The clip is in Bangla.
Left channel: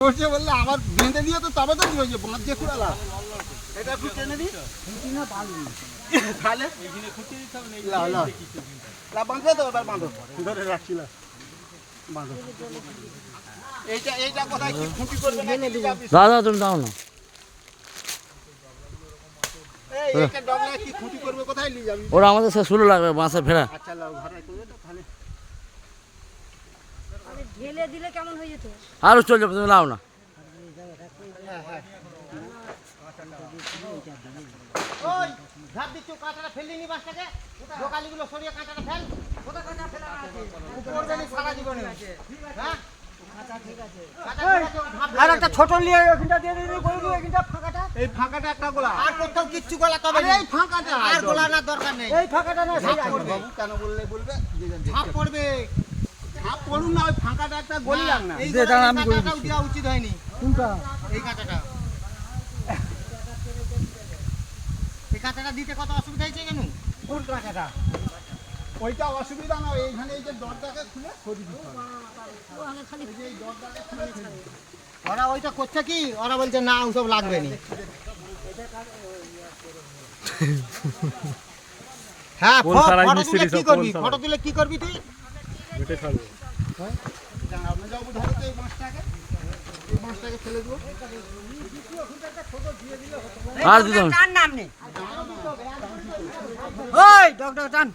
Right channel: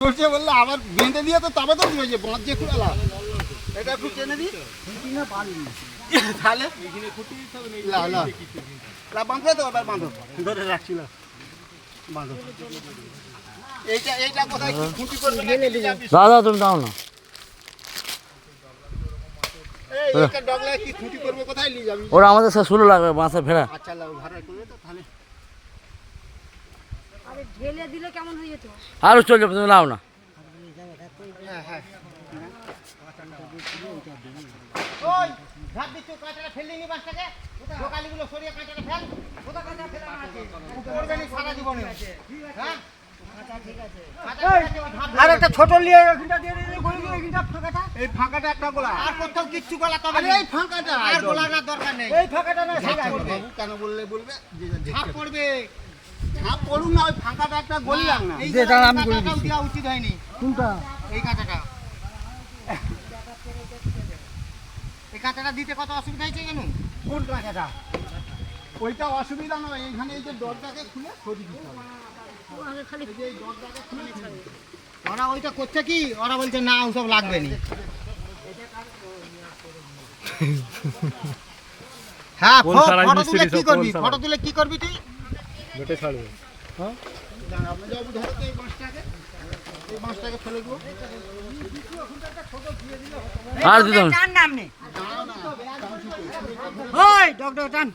বসে বললে আবার বেঁধে দিয়ে তো তবে তো হয়েছে বাঁধ যে খুঁড়ালা এটা একটু টেনে দিই না পারি তাহলে ওইখানে খুঁটি দিতে হবে না বাঁধবে তো এবার বাঁধো ধরে রাখছি না বাঁধো এইটা কোথায় কি খুঁটি করবে দাদা তুমি দাও না এইটা ডগলা কি খুঁটি করবে কোথায় নিয়ে যাবি ওরা আমাদের সাথে শুরু লাগবে বাঁশের ফেরা আচ্ছা লাও ঘরে করে তো তাহলে আরে ঢেলে দিলে কেমন হয়ে যেত আরো চল যাবে তুমি নাও না ওই ধাপ দিচ্ছ কাঁটাটা ফেলে নি বাসটাকে দোকালিগুলো সরিয়ে কাঁটাটা ফেল কোথা কাঁটা ফেলা আছে করবে না সারা জীবনে হ্যাঁ আর একটা ছোট নিয়ে এখানটা দিয়ে দিলে গলি দিয়ে এখানটা ফাঁকাটা এই ফাঁকাটা একটা গোলা আর কোথাও কিচ্ছু গোলা তবে এই ফাঁকাটা আর গোলা না দরকার নেই এই ফাঁকাটা না সেই করবে কেন বললে বলবে ঝাঁপ পড়বে ঝাঁপ পড়ুন না ওই ফাঁকাটা একটা গলিলাম না এই কাঁটাটাও দেওয়া উচিত হয়নি কোনটা এই কাঁটাটা এই কাঁটাটা দিতে কত অসুবিধা হয়েছে কেন কোন কাঁটাটা ওইটা অসুবিধা নয় এইখানে এই যে দরজাকে খুলে সরিয়ে দিতে হবে খালি এই দরজাকে খুলে ওরা ওইটা করছে কি ওরা বলছে না ওসব লাগবে না হ্যাঁ ফটো তুলে কি করবি তুই বেটে ছাড়বো হ্যাঁ আপনি যাও ধরো তো এই বাঁশটাকে ফেলে দেবো আর দিতে হবে টান নাম নে ওই ডক্টর টান